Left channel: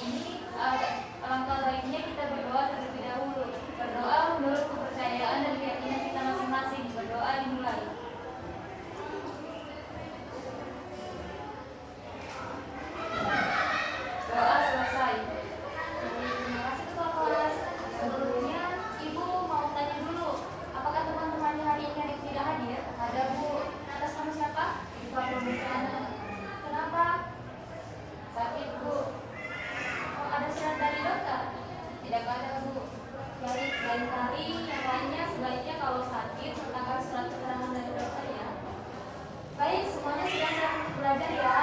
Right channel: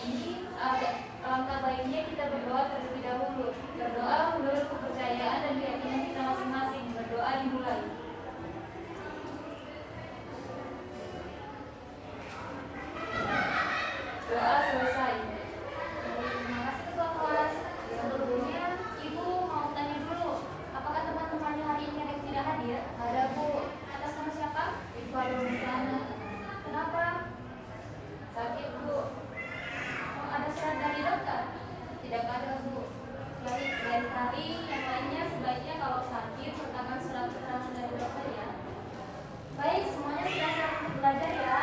ini alangkah baiknya kita berdoa terlebih dahulu. Berdoa menurut kepercayaan dan keyakinan kita masing-masing. Berdoa dimulai. Doa selesai. Terima kasih ketua kelas. Sebelumnya Ibu mau tanya dulu, apakah teman-temannya hari ini ada yang tidak hadir? Ada Bu. Atas nama siapa? Ibu Abdul Musana. Kenapa? Sakit Bu. Ada surat dari dokter? Tidak ada Bu. Baik, lain kali yang lainnya sebaiknya kalau sakit sertakan surat keterangan dari dokter ya. Baik, semuanya sudah siap untuk belajar ya.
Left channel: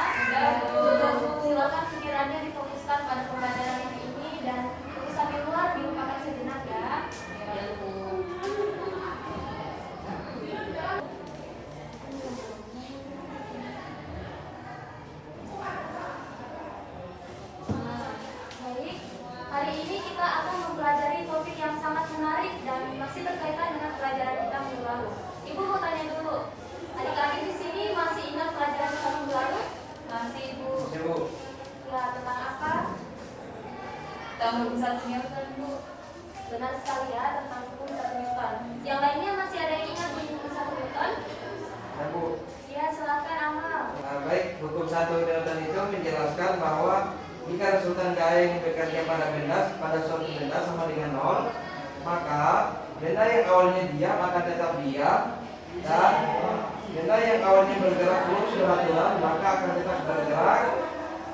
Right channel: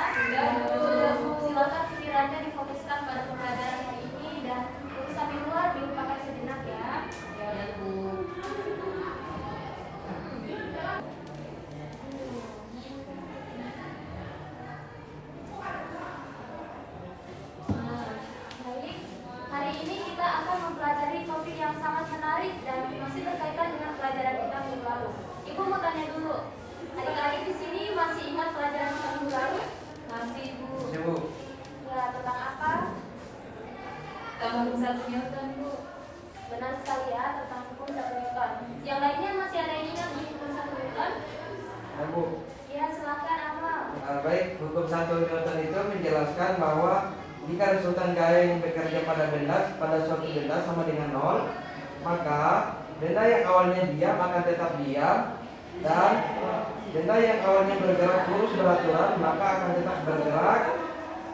Sudah Bu. Silakan pikirannya difokuskan pada pembelajaran hari ini dan urusan di luar dilupakan sejenak ya. Ya Bu. Baik, hari ini kita akan mempelajari topik yang sangat menarik dan masih berkaitan dengan pelajaran kita minggu lalu. Ibu mau tanya dulu, adik-adik di sini masih ingat pelajaran kita minggu lalu? Masih Bu. Ya, tentang apa? Tentang hukum 1 Newton Bu. Benar sekali ya, tentang hukum 1 Newton. Yang lainnya masih ada yang ingat hukum 1 Newton? Ya Bu. Ya, silakan Amal. Baik, hukum 1 Newton itu menjelaskan bahwa jika resultan gaya yang bekerja pada suatu benda sama dengan 0, maka benda yang awalnya diam akan tetap diam, dan benda yang awalnya bergerak lurus beraturan maka akan tetap bergerak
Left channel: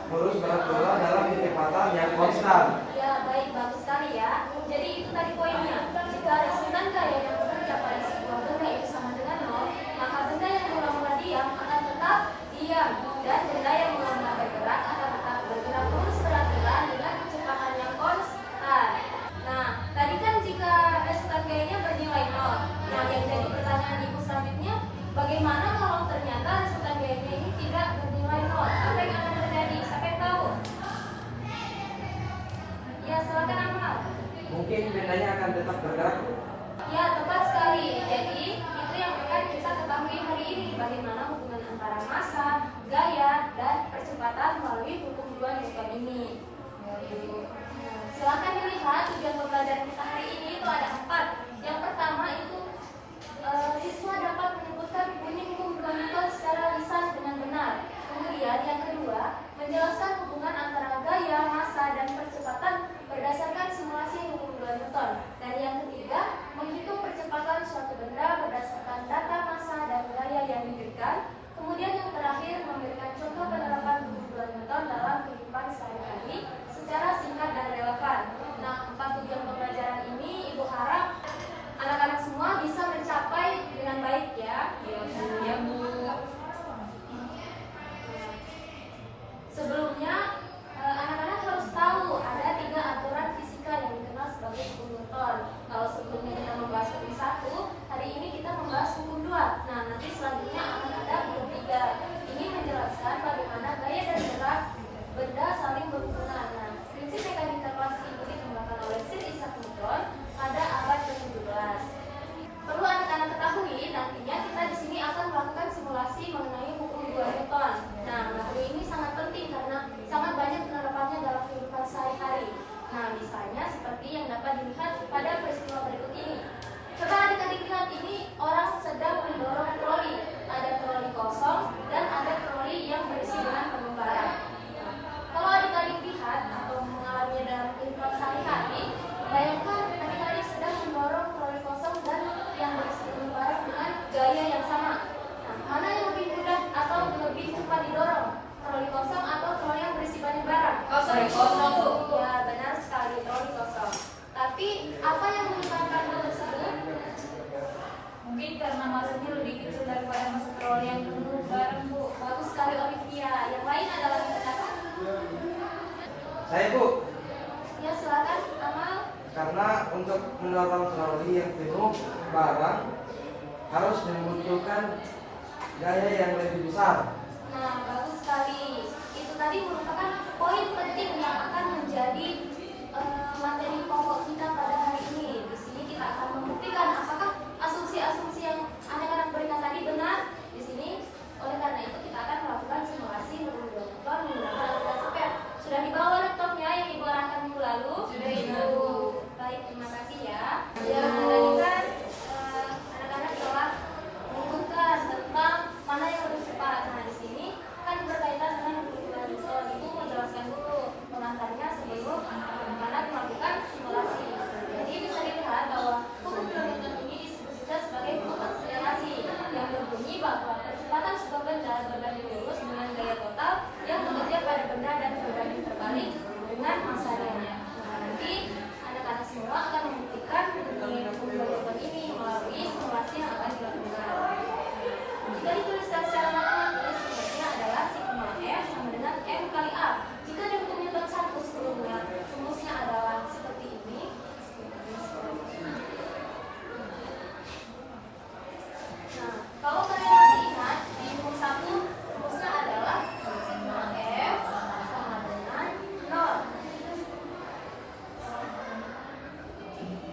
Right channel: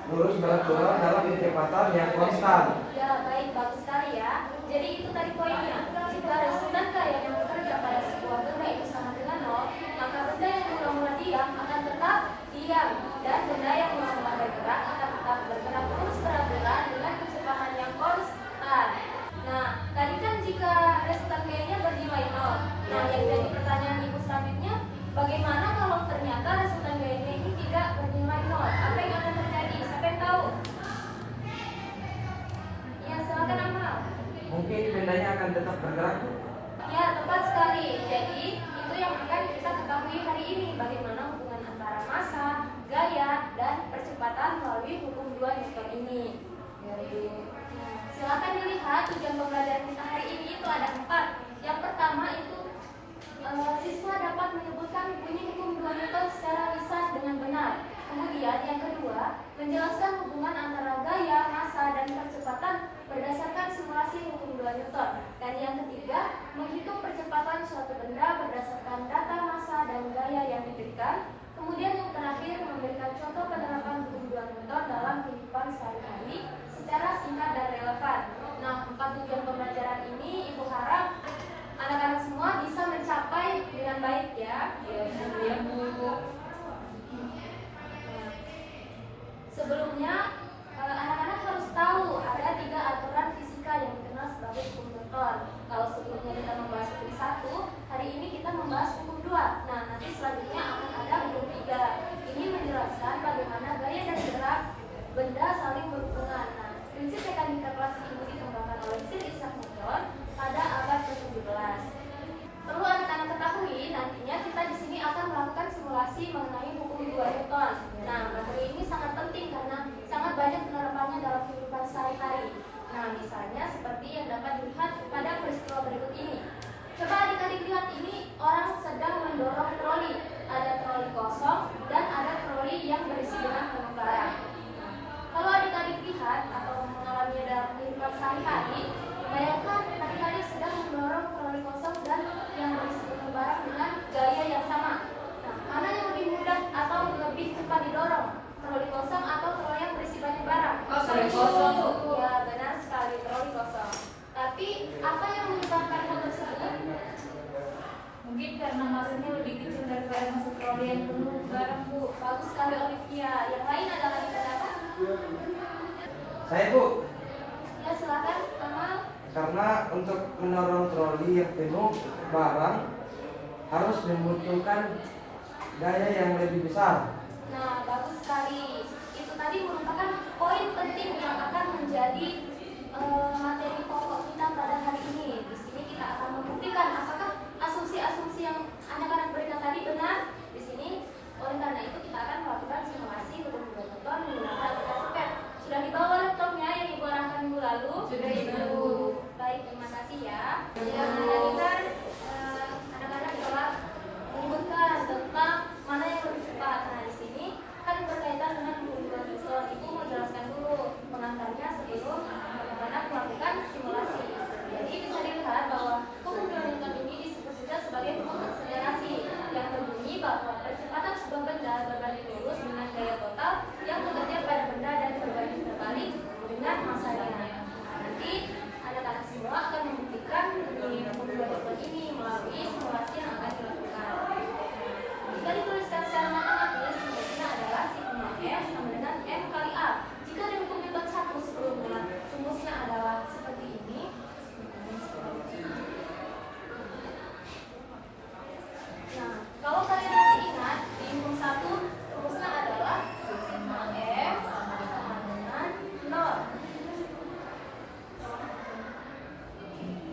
lurus beraturan dalam kecepatan yang konstan. Ya, baik, bagus sekali ya. Jadi itu tadi poinnya. Jika resultan gaya yang bekerja pada sebuah benda itu sama dengan 0, maka benda yang mula-mula diam akan tetap diam, dan benda yang mula-mula bergerak akan tetap bergerak lurus beraturan dengan kecepatan yang konstan. Nah, tadi kan jika resultan gayanya bernilai 0. Nah, yang jadi pertanyaan Ibu selanjutnya, bagaimana kalau ternyata resultan gayanya ini tidak bernilai 0? Apa yang akan terjadi? Siapa yang tahu? Ya, silakan Amal. Mungkin bendanya akan tetap bergerak. Ya, tepat sekali. Jadi, itu yang akan kita ketahui hari ini, bagaimana hubungan antara massa, gaya, dan percepatan melalui hukum 2 Newton ini. Silakan dilihat tujuan pembelajaran kita hari ini itu ada 4. Yang pertama itu siswa dapat menyebutkan bunyi hukum 2 Newton secara lisan dengan benar. Kemudian yang kedua, menjelaskan hubungan antara gaya, massa, dan percepatan berdasarkan simulasi hukum 2 Newton. Dan yang ketiga, menghitung percepatan suatu benda berdasarkan data massa dan gaya yang diberikan. Kemudian yang terakhir, memberikan contoh penerapan hukum 2 Newton dalam kehidupan sehari-hari secara singkat dan relevan. Nah, 4 tujuan pembelajaran ini Ibu harap anak-anak semua bisa mencapai dengan baik ya. Ya Bu. Sebelumnya, anak-anak harus tahu ada 3 aturan fisika yang dikenal sebagai hukum Newton. Kalau sebelumnya kita membahas hukum 1, hari ini kita membahas hukum 2. Nah, nanti selanjutnya akan ada hukum 3. Ini menjelaskan bagaimana gaya dan gerak benda saling berhubungan. Nah, prinsip mekanika klasik ini dikembangkan oleh Sir Isaac Newton pada abad ke-17. Perlu anak-anak ketahui, nantinya kita di sini akan melakukan simulasi mengenai hukum 2 Newton. Nah, materi ini sangat penting karena sangat banyak penerapannya dalam kehidupan sehari-hari. Nah, misalnya seperti yang dapat dilihat pada peristiwa berikut ini. Coba adik-adik lihat, ini orang sedang mendorong troli. Ada troli kosong dan ada troli yang berisi dengan pengembara. Nah, kalau adik-adik lihat atau mengalaminya dalam kehidupan sehari-hari, bayangkan adik-adik sedang mendorong troli kosong dan yang berisi pengembara dengan gaya yang sama. Nah, mana yang lebih mudah atau lebih cepat didorong? Troli kosong atau troli yang berisi banyak barang? Troli kosong Bu. Ya, benar sekali, troli kosong. Tapi apa yang menyebabkan hal tersebut? Mungkin karena masanya lebih kecil daripada masa troli yang penuh barang Bu. Bagus sekali Olivia. Yang lain adalah yang pertama? Saya Bu, Ya, silakan Amal. karena untuk mendorong troli yang penuh barang harus membutuhkan gaya yang lebih besar. Nah, bagus sekali. Itu tadi merupakan poin penting yang akan menjadi materi pokok kita pada hari ini. Di sini kita akan membuktikan apakah asumsi-asumsi yang anak-anak berikan tadi benar. Di sini, oleh karena itu kita akan melakukan simulasi hukum 2 Newton menggunakan aplikasi PET. Sudah dibawa laptopnya yang Ibu yang bekerja pada benda dan berbanding terbalik dengan masanya. Nanti anak-anak semua akan membuktikan hukum dua ini melalui simulasi yang akan dilakukan. Jika dituliskan secara matematis, rumusnya adalah sigma F sama dengan M kali A. Jika ada hukum Newton 1 sebelumnya, rumusnya adalah seperti ini. Nah, kalau kalian masih ingat, di hukum 1 rumusnya adalah sigma F sama dengan 0.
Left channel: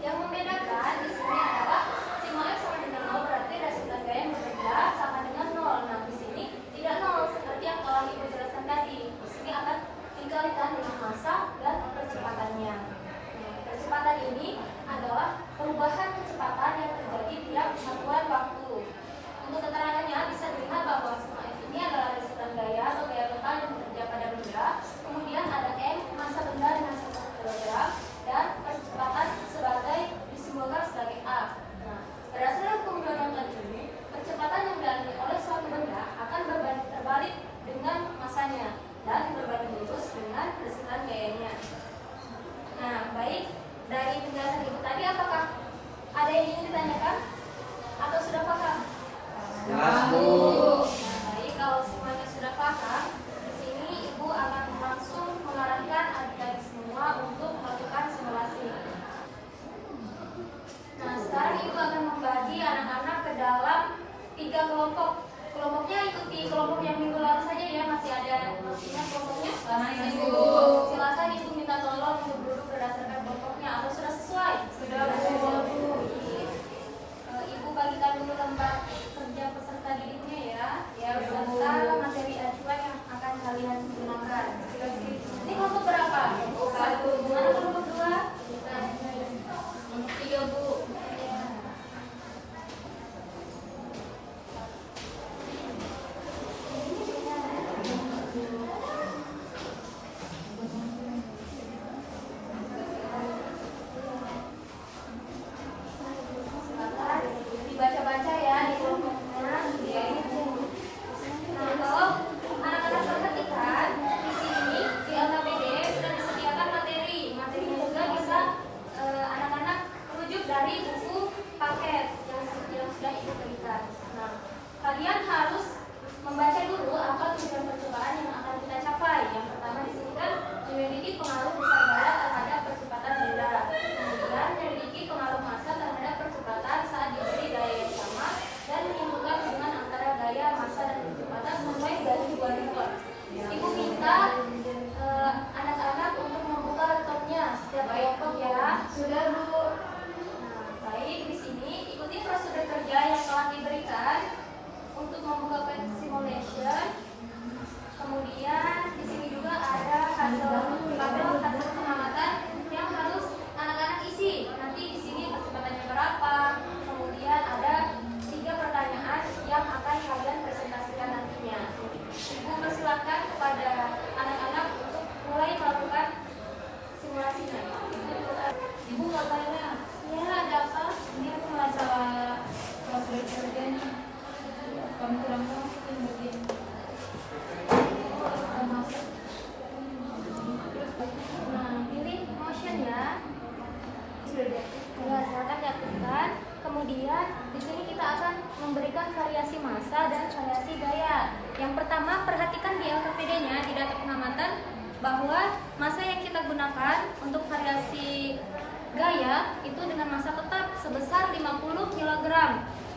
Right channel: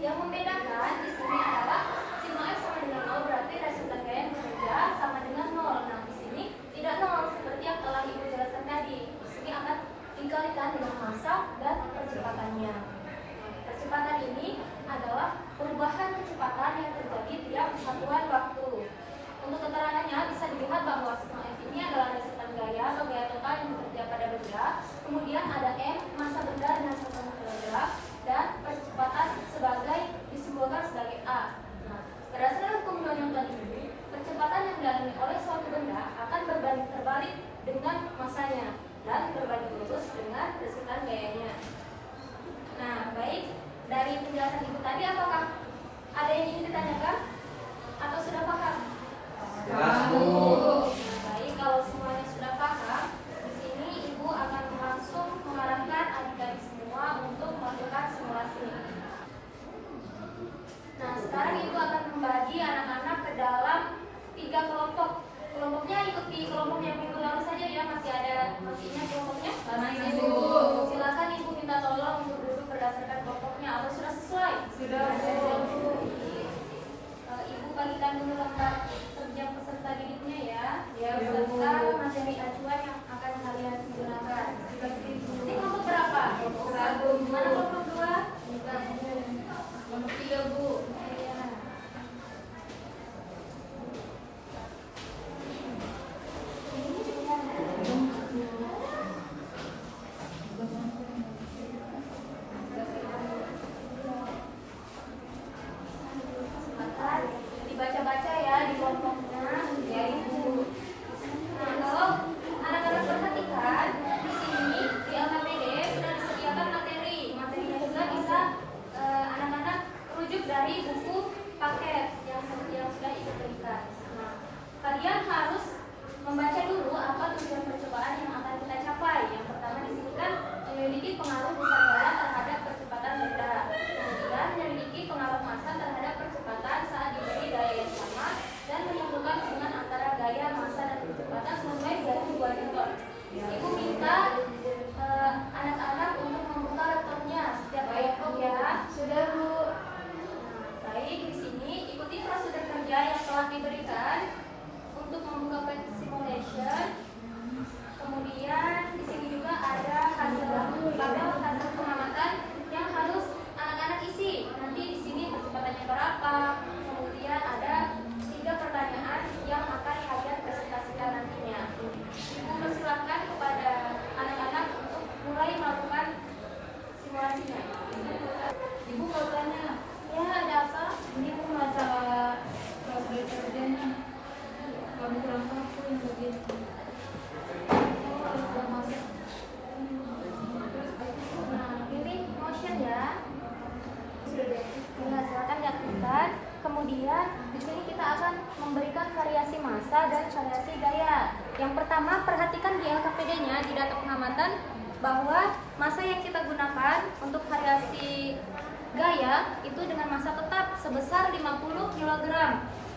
Yang membedakan di sini adalah sigma F sama dengan 0 berarti resultan gaya yang bekerja sama dengan 0. Nah, di sini tidak 0 seperti yang telah Ibu jelaskan tadi. Di sini akan dikalikan dengan massa dan percepatannya. Nah, percepatan ini adalah perubahan kecepatan yang terjadi tiap satuan waktu. Untuk keterangannya bisa dilihat bahwa sigma F ini adalah resultan gaya atau gaya total yang bekerja pada benda. Kemudian ada M, massa benda dengan 1 kilogram, dan percepatan sebagai disimbolkan sebagai A. Nah, berdasarkan hukum Newton ini, percepatan yang dialami oleh suatu benda akan berbanding terbalik dengan massanya dan berbanding lurus dengan resultan gayanya. Nah, baik, dari penjelasan Ibu tadi apakah ada yang ingin ditanyakan atau sudah paham? Jelas, Bu. Nah, baik, kalau semuanya sudah paham, di sini Ibu akan langsung mengarahkan adik-adik semua untuk melakukan simulasi. Nah, sekarang Ibu akan membagi anak-anak ke dalam 3 kelompok. Kelompoknya ikuti kelompok yang minggu lalu saja ya, masih ada maksudnya kelompoknya? Masih, Bu. Silakan Ibu minta tolong untuk duduk berdasarkan kelompoknya atau sudah sesuai? Sudah, Bu. Ibu bagikan dulu lembar kerja peserta didiknya ya. Ya, beserta materi acuan yang akan kalian gunakan. Ini kelompok berapa? Kelompok 1. Mana kelompok 2? Kelompok 3, Bu. Dibaca-baca ya di kelompoknya. Ya, ini dulu. Nah, kalau anak-anak perhatikan di sini di LKPD sudah disediakan materi. Materinya juga bisa anak-anak rujuk dari buku paket yang sudah Ibu berikan. Nah, kalian harus membaca dulu apa tujuan percobaan yang akan kita capai. Yang pertama di sini kan memiliki pengaruh besar gaya terhadap percepatan benda. Kemudian memiliki pengaruh massa terhadap percepatan saat diberi gaya yang sama dan menentukan hubungan antara gaya, massa, dan percepatan sampai dari 2 Newton. Ibu minta anak-anak untuk membuka laptopnya setiap laptop ya. Sudah, Bu. Nah, baik, di sini ikuti prosedur kerja yang telah diberikan untuk membuka pen simulation. Kemudian di sini juga ada hasil pengamatan yang harus anak-anak isi. Nanti di sini percepatannya berapa. Kemudian ada 3 pertanyaan yang akan kalian presentasikan nantinya. Ibu persilakan kepada anak-anak untuk mulai melakukan simulasinya. Ibu mau tanya, Ya, ada apa? ini masalah prosedur kerjanya. Kamu kurang masuk yang bagian. Nah, pilih motion ya. Ya, silakan diaktifkan. Kemudian di sini kita akan memberikan variasi massa dan variasi gaya. Yang pertama, perhatikan di LKPD-nya di data pengamatan bahwa massa yang kita gunakan untuk variasi gaya itu dengan massa tetap sebesar 50 kg.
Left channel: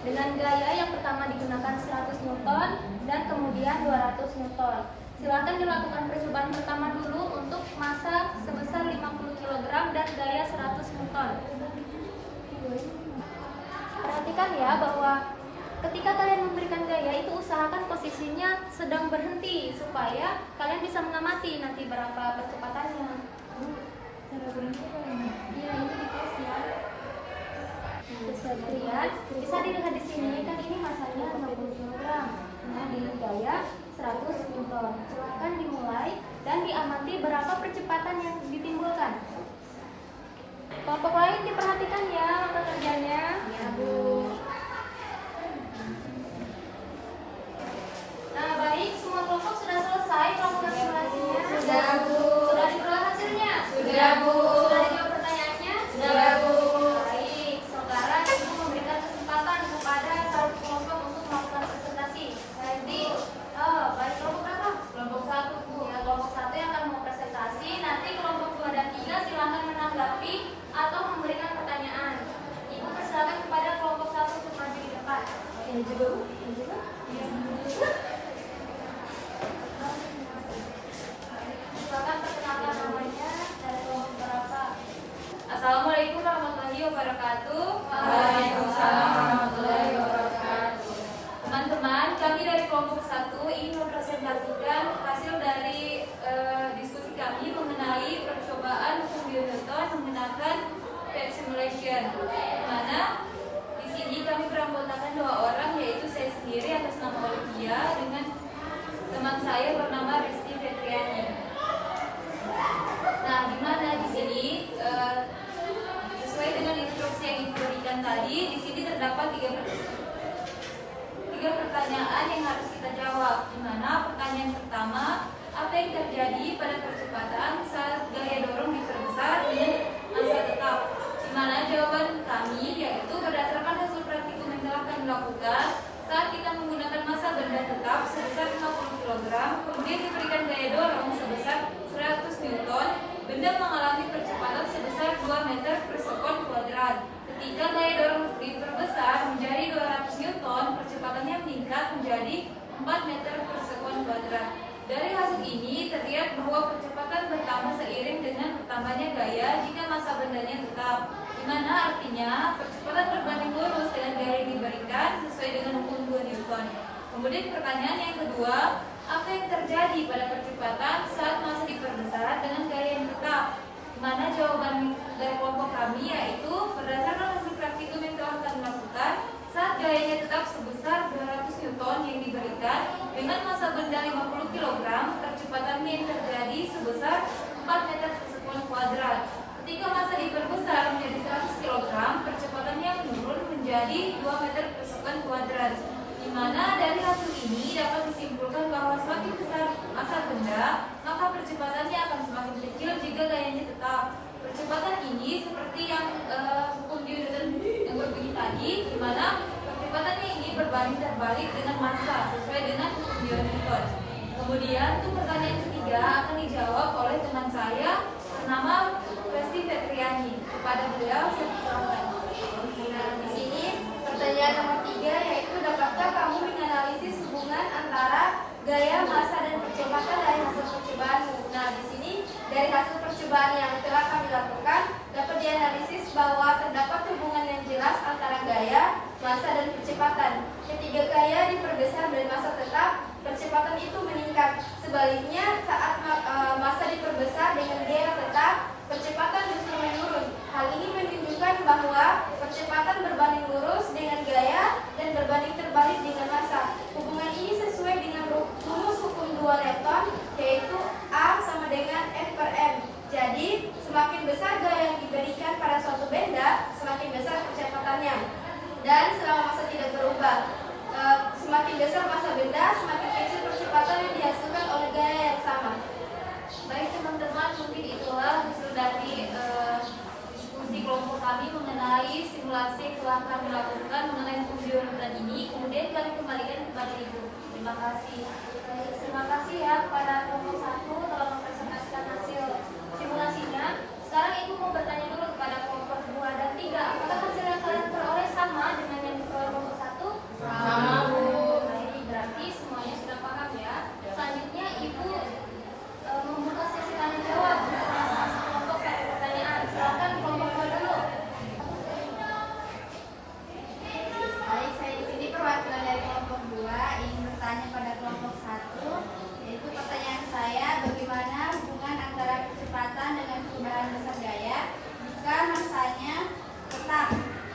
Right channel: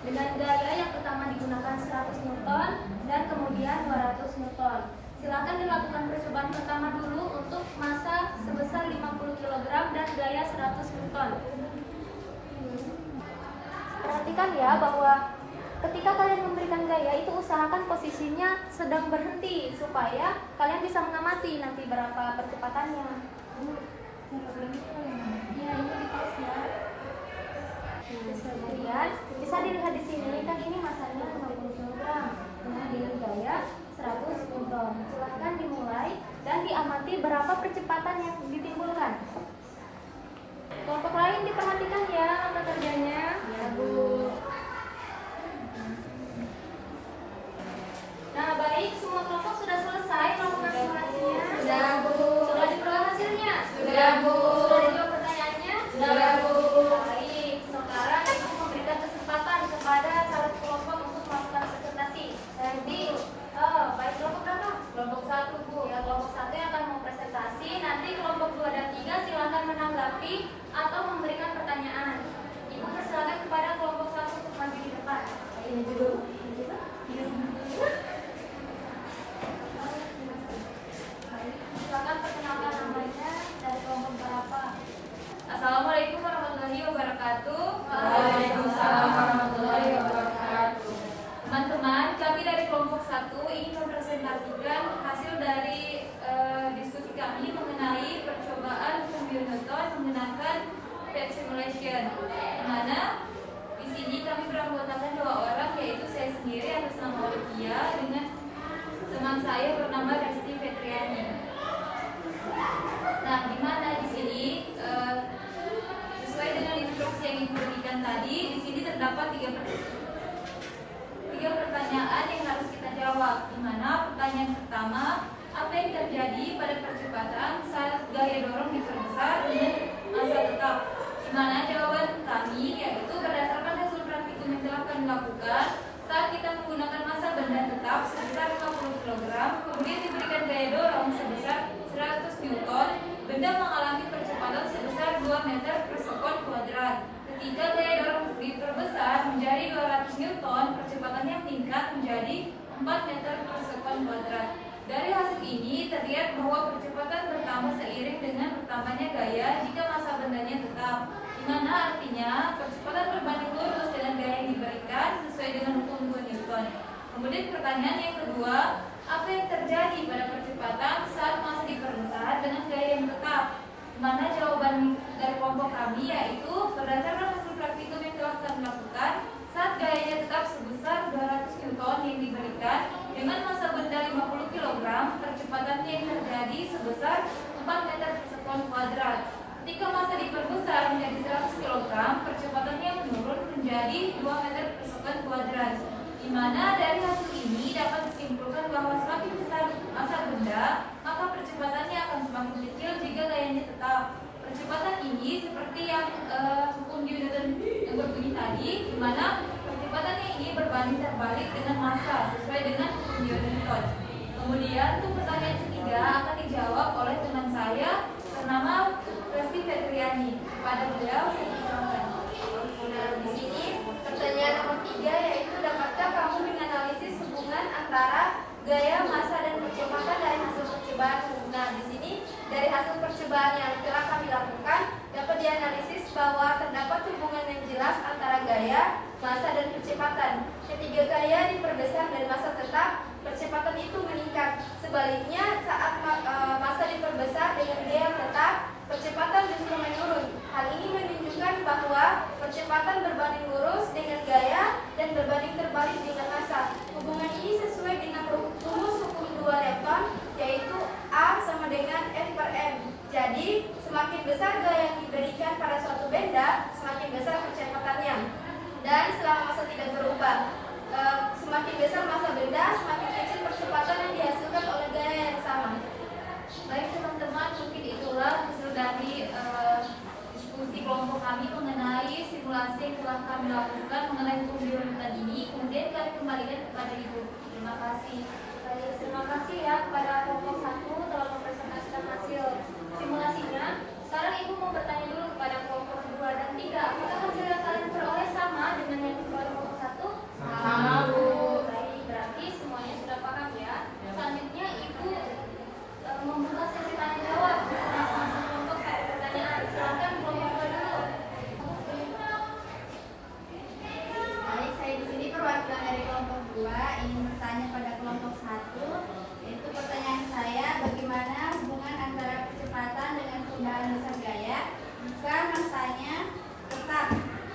Dengan gaya yang pertama digunakan 100 Newton dan kemudian 200 Newton. Silakan dilakukan percobaan pertama dulu untuk massa sebesar 50 kg dan gaya 100 Newton. Perhatikan ya bahwa ketika kalian memberikan gaya itu usahakan posisinya sedang berhenti supaya kalian bisa mengamati nanti berapa percepatannya. Iya, ini di tes ya. Kemudian bisa dilihat di sini kan ini masanya 50 kg. Nah, dengan gaya 100 Newton. Silahkan dimulai dan diamati berapa percepatan yang ditimbulkan. Kelompok lain diperhatikan ya langkah kerjanya. Ya, Bu. Nah, baik, semua kelompok sudah selesai. saya bernama Resti Fetriani. Nah, di mana di sini sesuai dengan instruksi yang diberikan tadi, di sini terdapat tiga pertanyaan yang harus kita jawab. Di mana pertanyaan pertama, apa yang terjadi pada percepatan saat gaya dorong diperbesar dengan masa tetap? Di mana jawaban kami yaitu berdasarkan hasil praktikum yang telah kami lakukan saat kita menggunakan massa benda tetap sebesar 50 kg, kemudian diberikan gaya dorong sebesar 100 Newton, benda mengalami percepatan sebesar 2 meter per sekon kuadrat. Ketika gaya dorong diperbesar menjadi 200 Newton, percepatannya meningkat menjadi 4 meter per sekon kuadrat. Dari hasil ini terlihat bahwa percepatan bertambah seiring dengan bertambahnya gaya jika massa bendanya tetap, di mana artinya percepatan berbanding lurus dengan gaya yang diberikan sesuai dengan hukum 2 Newton. Kemudian pertanyaan yang kedua, apa yang terjadi pada percepatan saat massa diperbesar dengan gaya yang tetap? Di mana jawaban dari kelompok kami yaitu berdasarkan hasil praktikum yang telah kami lakukan saat gayanya tetap sebesar 200 Newton yang diberikan dengan massa benda 50 kg, percepatannya yang terjadi sebesar 4 meter per sekon kuadrat. Ketika massa diperbesar menjadi 100 kg, percepatannya menurun menjadi 2 meter per sekon kuadrat. Di mana dari hasil ini dapat disimpulkan bahwa semakin besar massa benda, maka percepatannya akan semakin kecil jika gayanya tetap. Percepatan ini seperti yang hukum Newton yang berbunyi tadi, di mana percepatannya ini berbanding terbalik dengan massa sesuai dengan hukum Newton. Kemudian untuk pertanyaan ketiga akan dijawab oleh teman saya bernama Resti Fetriani. Kepada beliau saya persilakan. Nah, di sini pertanyaan nomor 3 yaitu dapatkah kamu menganalisis hubungan antara gaya, massa dan percepatan dari hasil percobaanmu? Nah, di sini dari hasil percobaan yang telah kami lakukan dapat dianalisis bahwa terdapat hubungan yang jelas antara gaya, massa dan percepatan. Ketika gaya diperbesar dan massa tetap, percepatan itu meningkat. Sebaliknya, saat massa diperbesar dengan gaya tetap, percepatan justru menurun. Hal ini menunjukkan bahwa percepatan berbanding lurus dengan gaya dan berbanding terbalik dengan massa. Hubungan ini sesuai dengan rumus hukum 2 Newton, yaitu A sama dengan F per M. Jadi, semakin besar gaya yang diberikan pada suatu benda, semakin besar percepatannya. Dan selama massa tidak berubah, semakin besar massa benda, semakin kecil percepatan yang dihasilkan oleh gaya yang sama. Baik teman-teman, mungkin itulah hasil dari diskusi kelompok kami mengenai simulasi yang telah kami lakukan mengenai hukum Newton ini. Kemudian kami kembalikan kepada Ibu. Terima kasih. Terima kasih ya kepada kelompok 1 telah mempresentasikan hasil simulasinya. Sekarang Ibu mau bertanya dulu kepada kelompok 2 dan 3. Apakah hasil yang kalian peroleh sama dengan yang diperoleh kelompok 1? Sama, Bu. Baik, berarti semuanya sudah paham ya. Selanjutnya Ibu membuka sesi tanya jawab untuk masing-masing kelompok 1 pertanyaan. Silakan kelompok 2 dulu. Baik, saya di sini perwakilan dari kelompok 2 ingin bertanya pada kelompok 1, yaitu pertanyaan saya, bagaimana hubungan antara percepatan dengan perubahan besar gaya jika massanya tetap?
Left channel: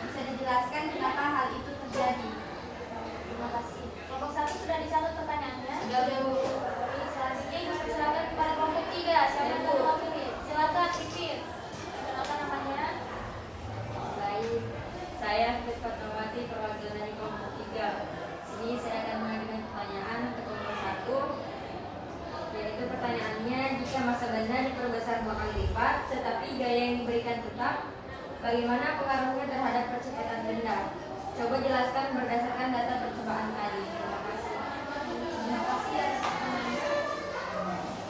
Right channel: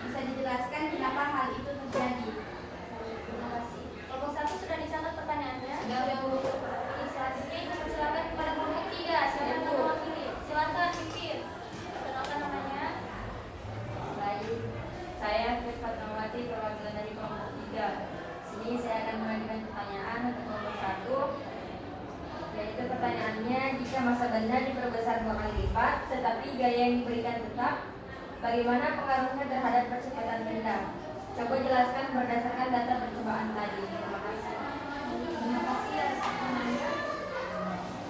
Bisa dijelaskan kenapa hal itu terjadi? Terima kasih. Kelompok 1 sudah dicatat pertanyaannya. Sudah, Bu. Selanjutnya Ibu persilakan kepada kelompok 3. Siapa yang mau mewakili? Silakan Pipin. Apa namanya? Baik, saya Fatmawati, perwakilan dari kelompok 3. Sini saya akan mengajukan pertanyaan untuk kelompok 1, yaitu pertanyaannya, jika massa benda diperbesar 2 kali lipat, tetapi gaya yang diberikan tetap, bagaimana pengaruhnya terhadap percepatan benda? Coba jelaskan berdasarkan data percobaan tadi. Terima kasih. Terima kasih ya.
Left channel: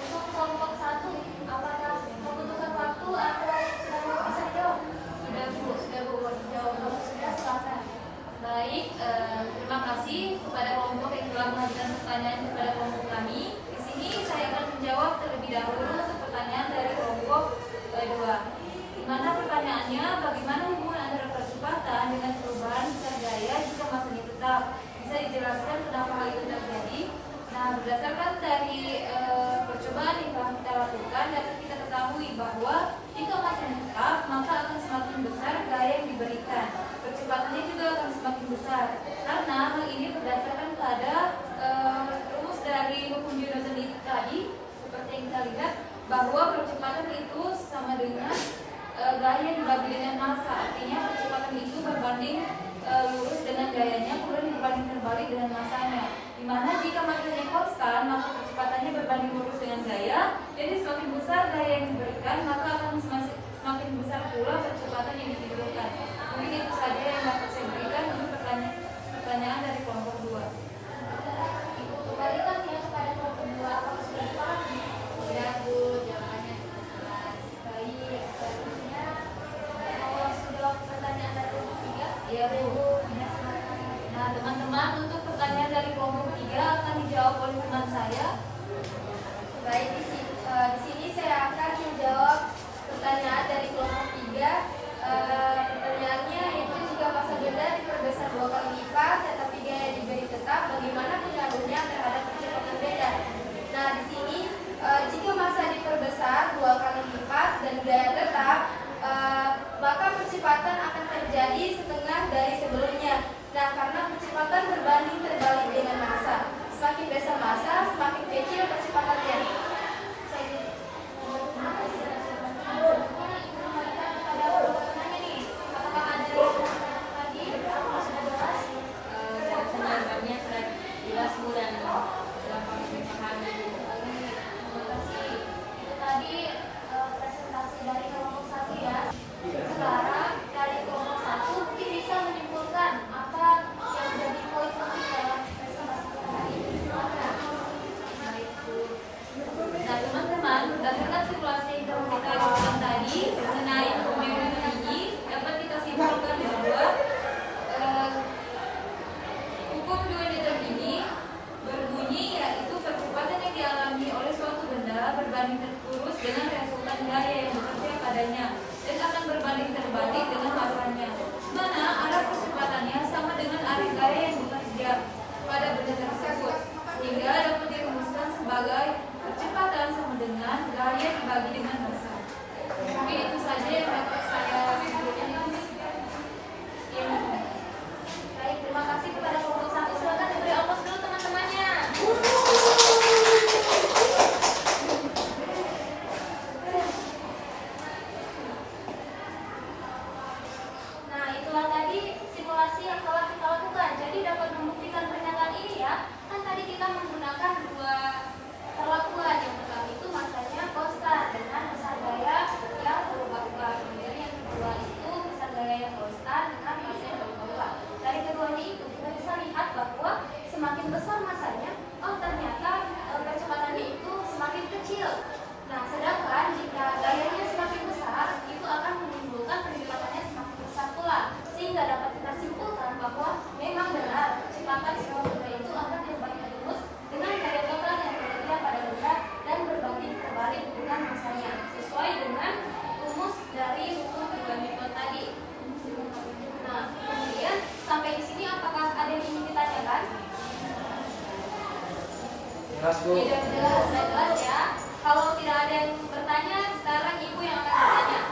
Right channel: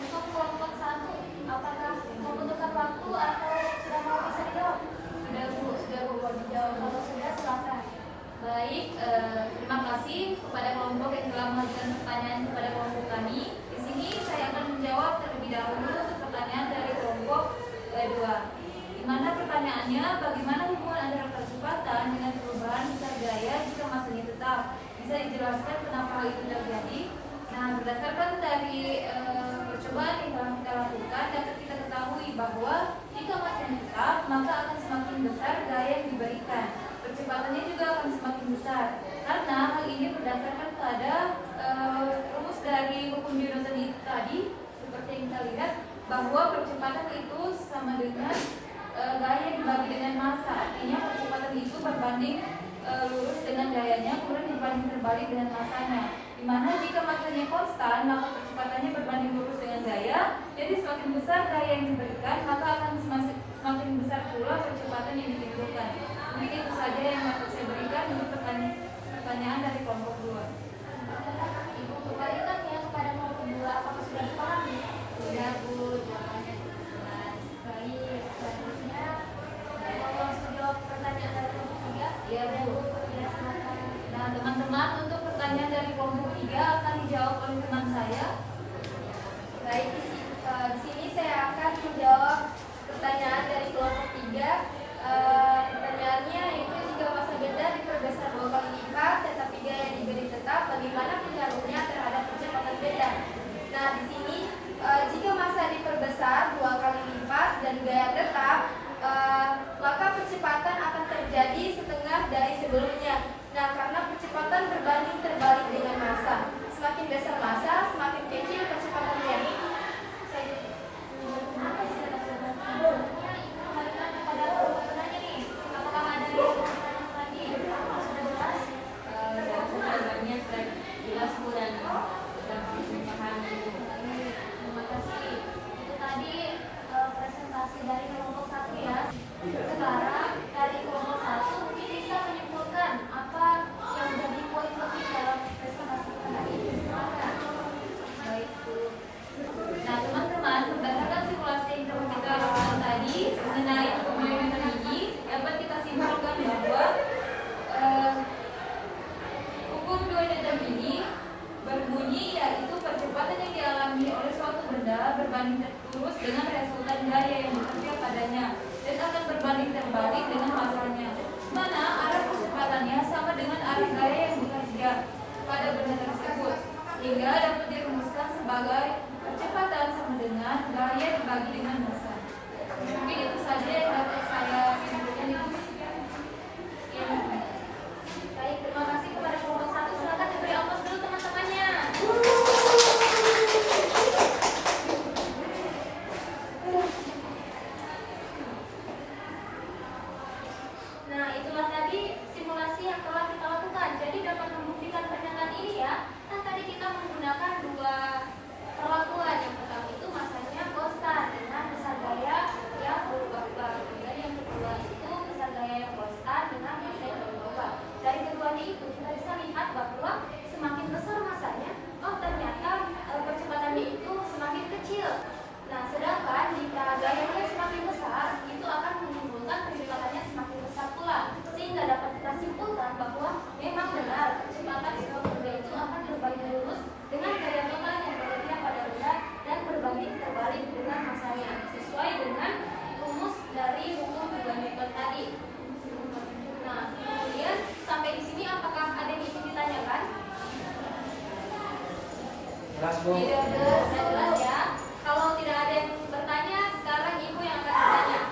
Untuk kelompok 1, apakah membutuhkan waktu atau sudah mau bisa dijawab? Sudah, Bu, boleh dijawab. Kalau sudah, silakan. Baik, terima kasih kepada kelompok yang telah mengajukan pertanyaan kepada kelompok kami. Di sini saya akan menjawab terlebih dahulu untuk pertanyaan dari kelompok 2. Di mana pertanyaannya, bagaimana hubungan antara percepatan dengan perubahan besar gaya jika massanya tetap? Bisa dijelaskan kenapa hal itu terjadi? Nah, berdasarkan dari percobaan yang telah kita lakukan, dapat kita ketahui bahwa jika massanya tetap, maka akan semakin besar gaya yang diberikan. Percepatannya juga akan semakin besar. Karena hal ini berdasarkan pada rumus dari hukum Newton tadi seperti yang kita lihat bahwa percepatan itu sama dengan gaya dibagi dengan massa. Artinya percepatan itu berbanding lurus dengan gayanya, kemudian berbanding terbalik dengan massanya. Dimana jika massanya konstan, maka percepatannya berbanding lurus dengan gaya. Jadi semakin besar gaya yang diberikan, maka akan semakin besar pula percepatan yang ditimbulkan. Mungkin itu saja yang dapat saya berikan untuk pertanyaan dari kelompok 2. Ibu kembalikan yang kepada kelompok 2, apakah sudah dipahami? Sudah Bu, jawabannya jelas. Baik, selanjutnya Mau langsung jawab pertanyaan dari kelompok 3? Iya Bu. Tidak, silakan. Nah teman-teman, untuk pertanyaan dari kelompok 3 akan dijawab oleh teman saya. Baik, di sini saya akan menjawab pertanyaan dari kelompok 3. Pertanyaannya yaitu jika massa benda diperbesar 2 kali lipat tetapi gaya diberi tetap, bagaimana pengaruhnya terhadap percepatan benda? Nah, di sini jika massa diperbesar 2 kali lipat dan gaya tetap, maka percepatan akan terjadi setengah dari sebelumnya. Nah, karena percepatan berbanding terbalik dengan massa. Semakin besar massa, semakin kecil percepatannya. Kembalikan kepada penanya nih. Apakah ada yang lagi? Sudah jelas? Saya rasa jawabannya sudah jelas Bu dan dapat dipahami Bu. Terima kasih. Itu tadi presentasi dari kelompok 1 ya. Sekarang dari kelompok 1 mungkin bisa menyimpulkan apa yang menjadi poin penting dalam presentasi kita hari ini. Silakan. Baik Bu. Nah teman-teman, berdasarkan simulasi yang telah kita lakukan tadi mengenai hukum Newton ini, dapat kita simpulkan bahwa hukum Newton ini berbunyi yaitu percepatan yang dialami oleh suatu benda berbanding lurus dengan resultan gaya yang bekerja padanya dan akan berbanding terbalik dengan massanya, mana arah percepatannya sama dengan arah gaya yang bekerja pada benda tersebut, sehingga dapat dirumuskan sebagai percepatan sama dengan gaya dibagi dengan massa. Mungkin itu saja yang dapat saya simpulkan itu. Sekian. Baik, terima kasih kepada kelompok 1. Silakan diberi ongkos dulu teman-temannya. Nah, itulah tadi simulasi yang telah kita lakukan. Jadi dapat membuktikan pernyataan ini ya. Kan tadi kita menggunakan 2 perlakuan. Yang pertama itu massanya konstan dengan besar gaya yang berubah-ubah. Kemudian yang kedua itu besar gaya yang konstan dengan massa yang berubah-ubah. Dari keduanya itu kita bisa lihat bahwa semakin besar massanya, oh ternyata percepatannya itu semakin kecil. Nah, sedangkan jika gayanya semakin besar, itu akan menimbulkan percepatannya semakin besar pula. Sehingga dapat kita simpulkan bahwa memang benar percepatan sebuah benda itu akan berbanding lurus dengan gaya total yang bekerja pada benda dan berbanding terbalik dengan massanya, sesuai dengan rumus dari hukum Newton tadi. Nah, kemudian sampai di sini apakah ada yang ingin ditanyakan? Jelas Bu. Tidak jelas ya. Kalau tidak ada yang bertanya, sekarang Ibu yang akan bertanya.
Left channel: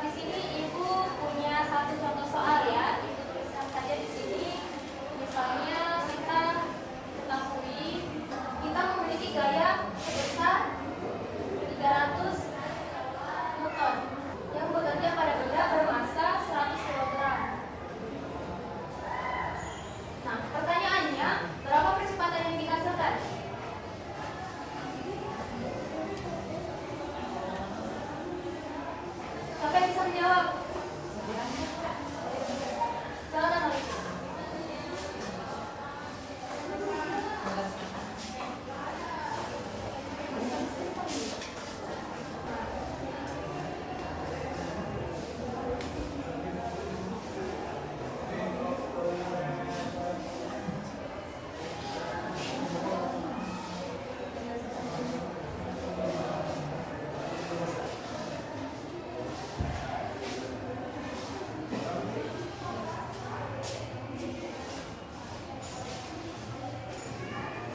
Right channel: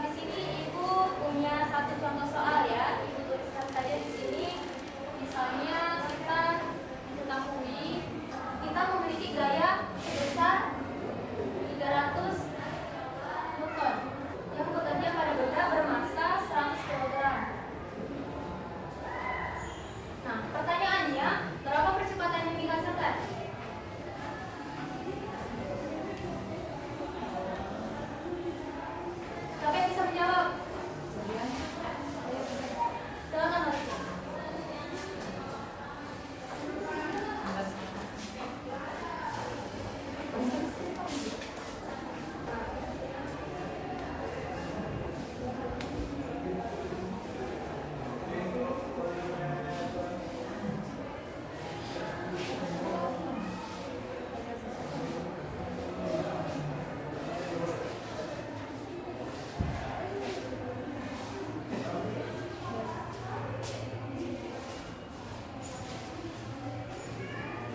Di sini Ibu punya satu contoh soal ya. Ibu tuliskan saja di sini. Misalnya kita ketahui kita memiliki gaya sebesar 300 Newton yang bekerja pada benda bermassa 100 kg. Nah, pertanyaannya, berapa percepatan yang dihasilkan? Siapa yang bisa menjawab? Silakan Mariko.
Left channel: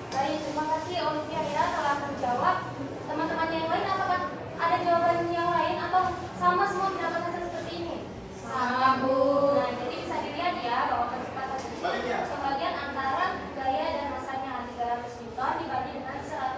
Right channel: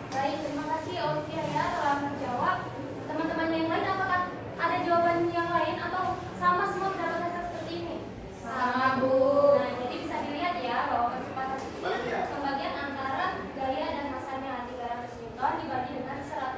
Baik, terima kasih Olivia ya telah menjawab. Teman-teman yang lain apakah ada jawaban yang lain atau sama semua mendapat hasil seperti ini? Sama, Bu. Nah, jadi bisa dilihat ya bahwa percepatan itu pembagian antara gaya dan massanya 300 Newton dibagi dengan 100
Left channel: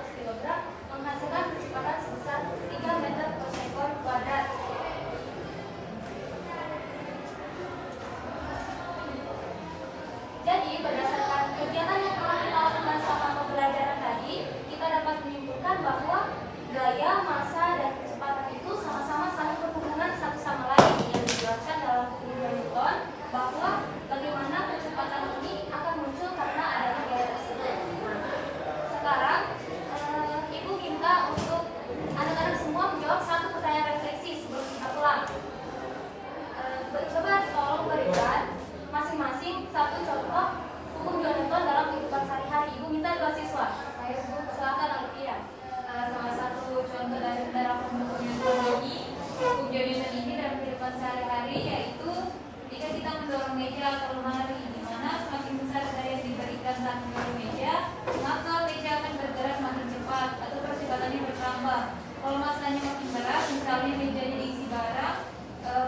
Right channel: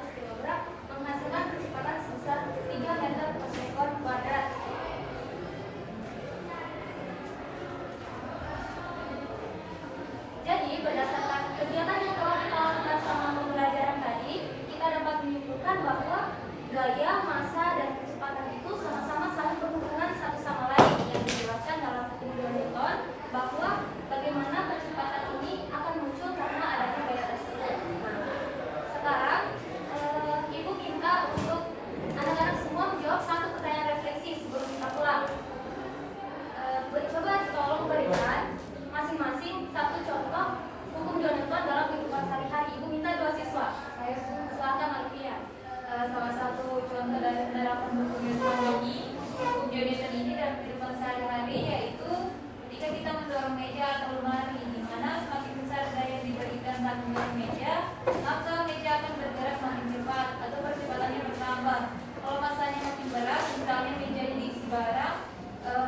maka meja akan bergerak makin cepat atau percepatannya bertambah. Kalau masanya makin berat, misalnya mejanya diisi barang,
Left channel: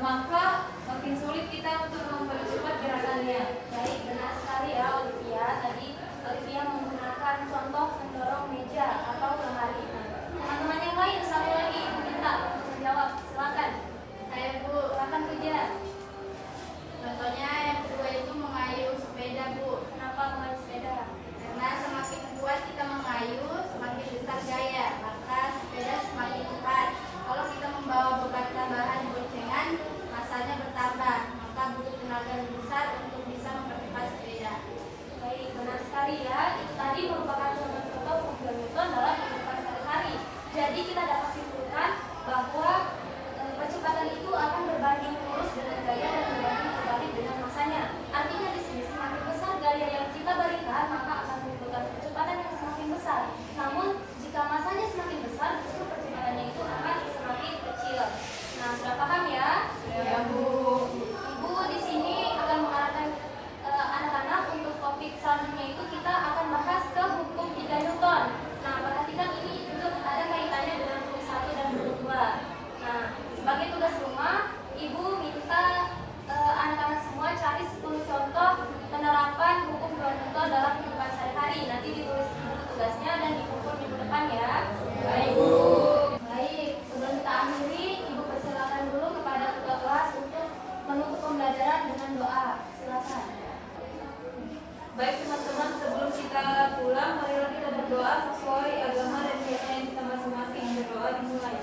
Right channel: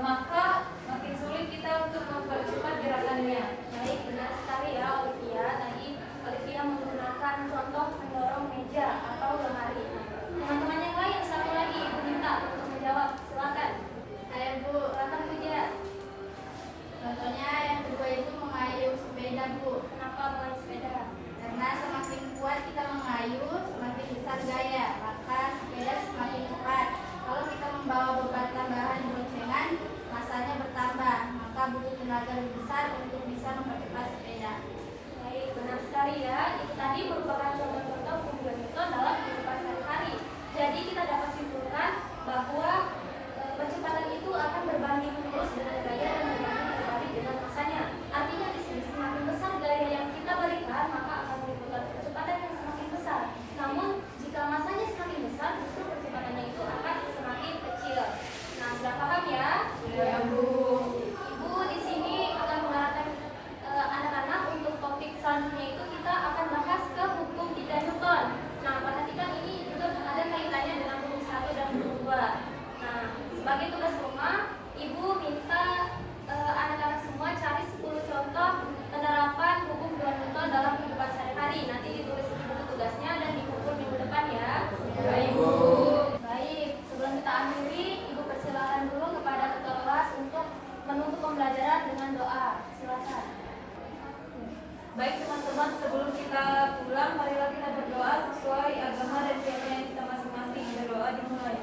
maka makin sulit kita untuk mempercepat gerakannya. Baik, benar sekali ya Olivia. Tadi Olivia menggunakan contoh mendorong meja atau lemari. Nah, teman-teman yang lain satu lagi Ibu minta untuk menjawab. Silakan. Saya Bu, Silakan kerja. contohnya yang kedua itu mengayuh sepeda Bu. Kenapa mulai sepeda? Karena semakin kuat kita mengayuh, semakin besar gaya, maka sepeda semakin cepat. Kalau kita membawa beban tambahan di boncengan, masanya bertambah, maka butuh tenaga lebih besar untuk bisa mempercepat sepeda. Baik, benar sekali ya. Itu tadi merupakan contoh-contoh formula Newton dalam kehidupan sehari-hari. Jadi kita dapat simpulkan bahwa percepatan itu akan berbanding lurus dengan gaya dan berbanding terbalik dengan masanya. Artinya di sini semakin besar gaya yang kita berikan, maka akan menimbulkan percepatan yang semakin besar. Namun jika masanya semakin besar, justru percepatannya itu akan semakin kecil. Nah, sudah paham ya? Ya Bu. Ibu di sini akan mengarahkan anak-anak untuk topik selanjutnya itu kita akan bahas ke hukum 3 Newton. Nah, perhatikan ini juga ada kaitannya dengan hukum 1 dan hukum 2. Nah, sebagai tugas rumah, Ibu minta anak-anak semua cari 10 contoh penerapan hukum 2 Newton dalam kehidupan sehari-hari. Nanti ditulis buku tugasnya dan dikumpul di buku depan ya. Baik Bu. Baik, sebelum kita akhiri, Ibu persilakan dulu kepada ketua kelas untuk menutup pembelajaran dengan doa. Silakan. Baik teman-teman, sebelum kita pulang, marilah kita berdoa sesuai agama dan keyakinan kita masing-masing. Berdoa dimulai.